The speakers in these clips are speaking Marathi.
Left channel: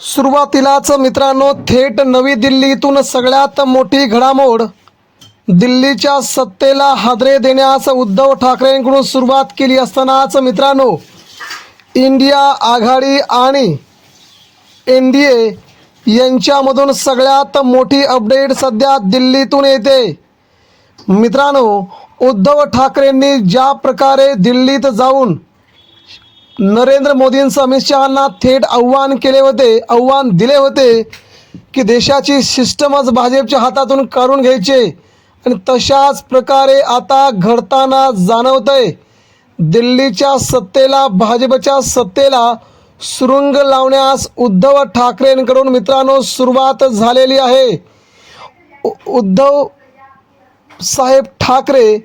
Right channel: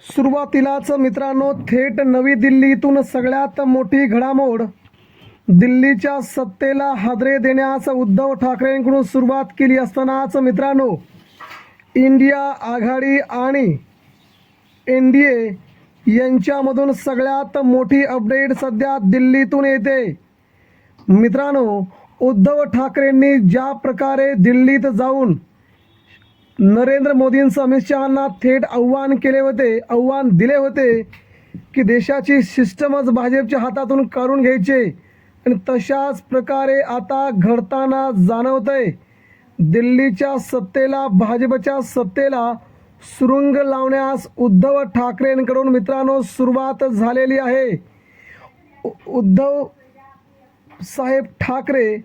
सुरुवातीलाच मित्रांनो थेट नवी दिल्लीतून सगळ्यात मोठी घडामोड. दिल्लीच्या सत्तेला हादरे देण्यास उद्धव ठाकरेंकडून सुरुवात केली असतानाच मित्रांनो इंडिया आघाडी आणि NDA यांच्यामधून सगळ्यात मोठी अपडेट सध्या दिल्लीतून येते. मित्रांनो, उद्धव ठाकरेंनी ज्या प्रकारे दिल्लीत जाऊन नरेंद्र मोदींसह अमित शहांना थेट आव्हान दिले होते की देशाची सिस्टमच भाजपच्या हातातून काढून घ्यायचे, आणि तशाच प्रकारे आता घडताना जाणवतंय. दिल्लीच्या सत्तेला, भाजपच्या सत्तेला सुरुंग लावण्यास उद्धव ठाकरेंकडून मित्रांनो सुरुवात झालेली आहे. उद्धव साहेब ठाकरे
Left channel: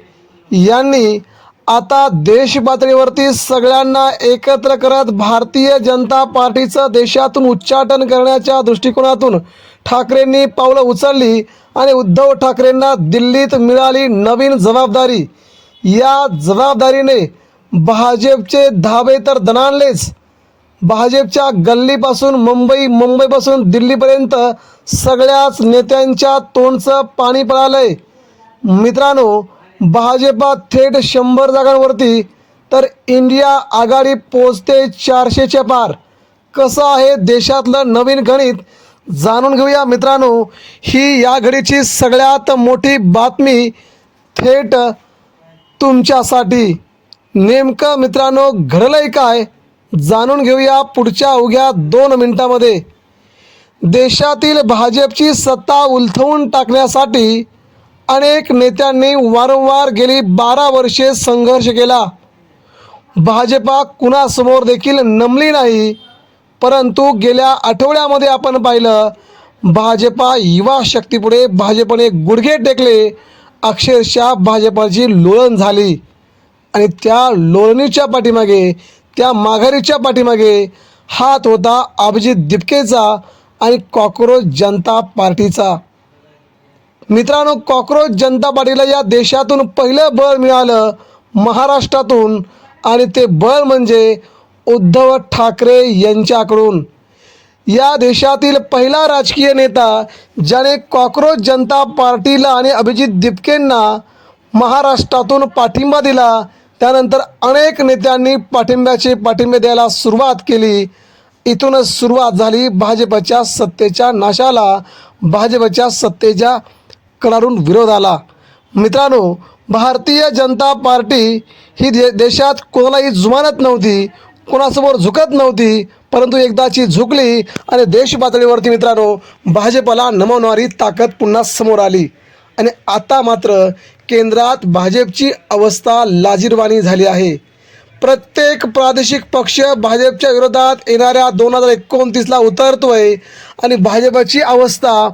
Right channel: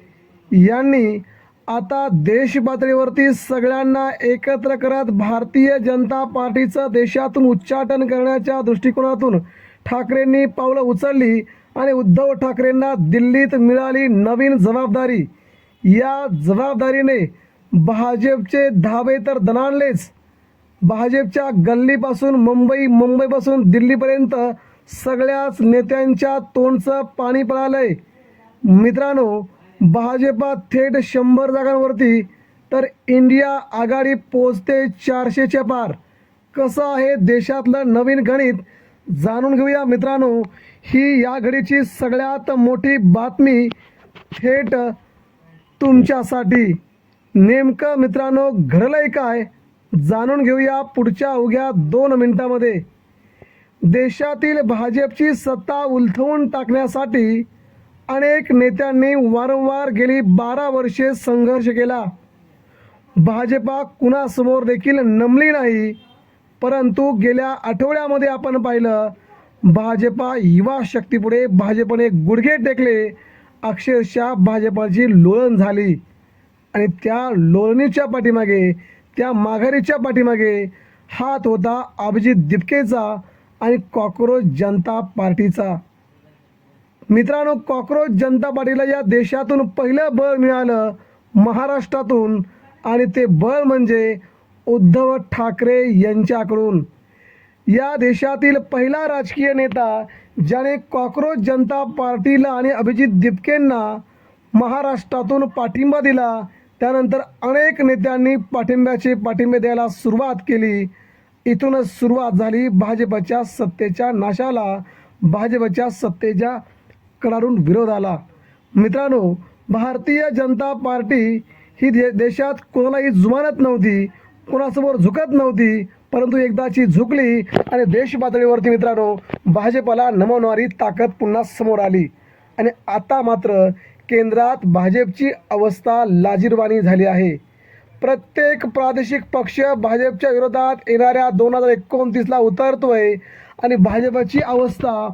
यांनी आता देश पातळीवरती सगळ्यांना एकत्र करत भारतीय जनता पार्टीचं देशातून उच्चाटन करण्याच्या दृष्टिकोनातून ठाकरेंनी पावलं उचलली आणि उद्धव ठाकरेंना दिल्लीत मिळाली नवीन जबाबदारी. या जबाबदारीने भाजपचे धाबे तर दणाणलेच. भाजपच्या गल्लीपासून मुंबईपासून दिल्लीपर्यंत सगळ्याच नेत्यांच्या तोंडचं पाणी पळालंय. मित्रांनो, भाजपा थेट 100 जागांवरती तर इंडिया आघाडी पोचते 400च्या पार. कसं आहे देशातलं नवीन गणित जाणून घेऊया मित्रांनो. ही या घडीची सगळ्यात मोठी बातमी थेट तुमच्यासाठी. नेमकं मित्रांनो घडलंय काय जाणून घेऊया पुढच्या अवघ्या 2 मिनिटांमध्ये. देशातील भाजपची सत्ता उलथवून टाकण्यासाठी अनेक नेत्यांनी वारंवार गेली 12 वर्षे संघर्ष केला. भाजपा कुणासमोर देखील नमली नाही. परंतु गेल्या आठवड्यामध्ये आपण पाहिलं, भाजपा युवा शक्तीपुढे भाजपने गुडघे टेकले. अक्षरशः भाजपाची लोळण झाली आणि त्या लोळणीच्या पाठीमागे, त्या माघारीच्या पाठीमागे हात होता अभिजित दिपकेचा आणि कॉकरोच जनता पार्टीचा. मित्रांनो, कॉकरोच जनता पार्टीला या देशातून पहिलं बळ मिळालं महाराष्ट्रातून, आणि ते बळ म्हणजे उद्धव ठाकरे यांच्याकडून. या देशातील पहिला राजकीय नेता ज्याने कॉकरोच जनता पार्टीला आणि अभिजित दिपकेंना महाराष्ट्रातून पाठिंबा दिला. त्यानंतर अनेक नेत्यांनी पाठिंबे द्यायला सुरुवात केली. इथूनच सुरुवात झाली भाजपच्या सत्तेच्या नाशाला, भाजपच्या सत्तेच्या कडाडून विरोधाला. मित्रांनो, भारतीय जनता पार्टी ही देशात कोणालाही जुमानत नव्हती, कोणासमोर झुकत नव्हती, परंतु एकदाची झुकली आणि देश पातळीवरती मित्रांनो भाजपला नमवणारी ताकद पुन्हा समोर आली. आणि आता मात्र केंद्रात भाजपची अवस्था लाजिरवाणी झाली आहे. प्रत्येक प्रादेशिक पक्ष भाजपच्या विरोधात येणाऱ्या 2029ला उतरतोय आणि भाजपची अवस्था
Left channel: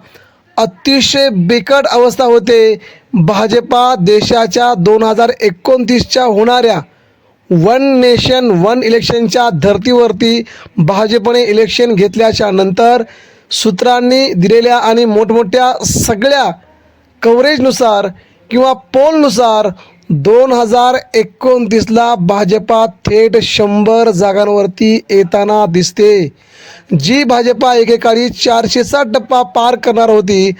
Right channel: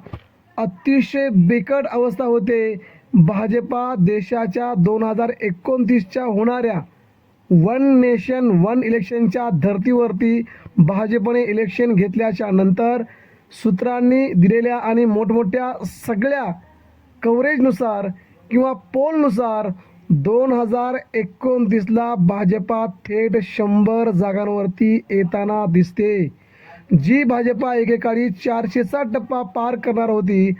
अतिशय बिकट अवस्था होते. भाजपा देशाच्या 2029च्या होणाऱ्या वन नेशन वन इलेक्शनच्या धर्तीवरती भाजपने इलेक्शन घेतल्याच्या नंतर सूत्रांनी दिलेल्या आणि मोठमोठ्या सगळ्या कव्हरेजनुसार किंवा पोलनुसार 2029ला भाजपा थेट 100 जागांवरती येताना दिसते. जी भाजपा एकेकाळी 400चा टप्पा पार करणार होती,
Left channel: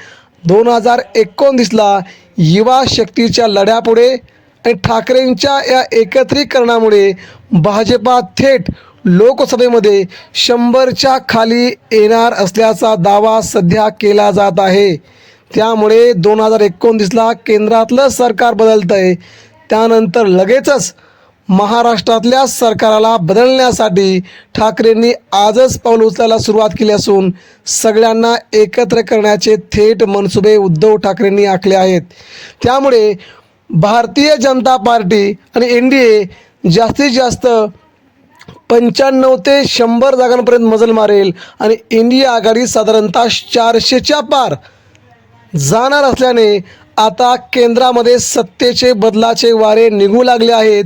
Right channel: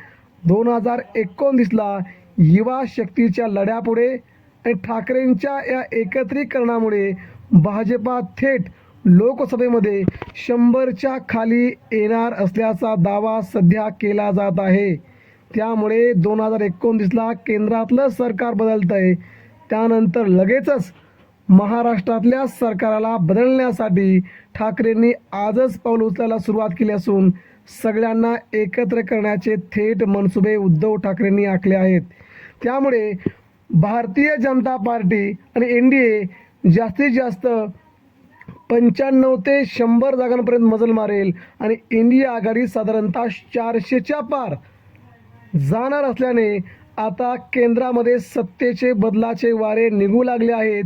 2029ला युवा शक्तीच्या लढ्यापुढे आणि ठाकरेंच्या या एकत्रीकरणामुळे भाजपा थेट लोकसभेमध्ये 100च्या खाली येणार असल्याचा दावा सध्या केला जात आहे. त्यामुळे 2029ला केंद्रातलं सरकार बदलतं आहे. त्यानंतर लगेचच महाराष्ट्रातल्या सरकारला बदलण्यासाठी ठाकरेंनी आजच पाऊल उचलायला सुरुवात केली असून सगळ्यांना एकत्र करण्याचे थेट मनसुबे उद्धव ठाकरेंनी आखले आहेत. त्यामुळे भारतीय जनता पार्टी आणि NDA जास्तीत जास्त 95 ते 100 जागांपर्यंत मजल मारेल आणि इंडिया आघाडी साधारणतः 400च्या पार जाणार असल्याने आता केंद्रामध्ये सत्तेचे बदलाचे वारे निघू लागले आहेत.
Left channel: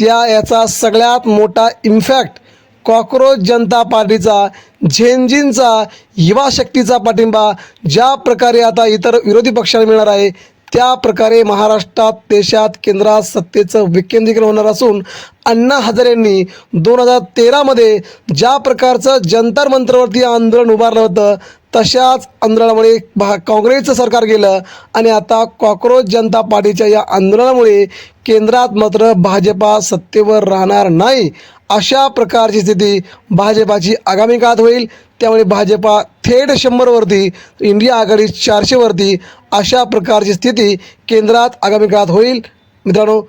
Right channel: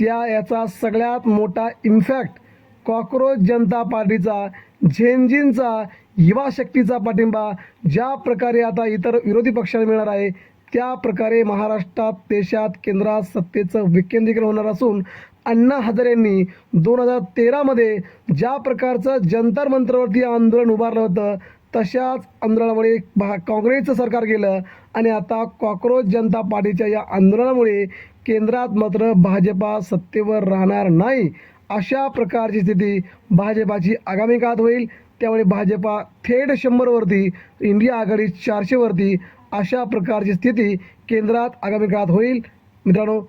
याचा सगळ्यात मोठा इम्पॅक्ट कॉकरोच जनता पार्टीचा, झेंझींचा, युवा शक्तीचा पाठिंबा ज्या प्रकारे आता इतर विरोधी पक्षाला मिळणार आहे, त्या प्रकारे महाराष्ट्रात देशात केंद्रात सत्तेचं विकेंद्रीकरण होणार असून अण्णा हजारे यांनी 2013मध्ये ज्या प्रकारचं जंतर मंतरवरती आंदोलन उभारलं होतं तशाच आंदोलनामुळे काँग्रेसचं सरकार गेलं आणि आता कॉक्रोच जनता पार्टीच्या या आंदोलनामुळे केंद्रात मात्र भाजपा सत्तेवर राहणार नाही अशा प्रकारची स्थिती भाजपाची आगामी काळात होईल. त्यामुळे भाजपा थेट 100वरती, इंडिया आघाडी 400वरती अशा प्रकारची स्थिती केंद्रात आगामी काळात होईल. मित्रांनो,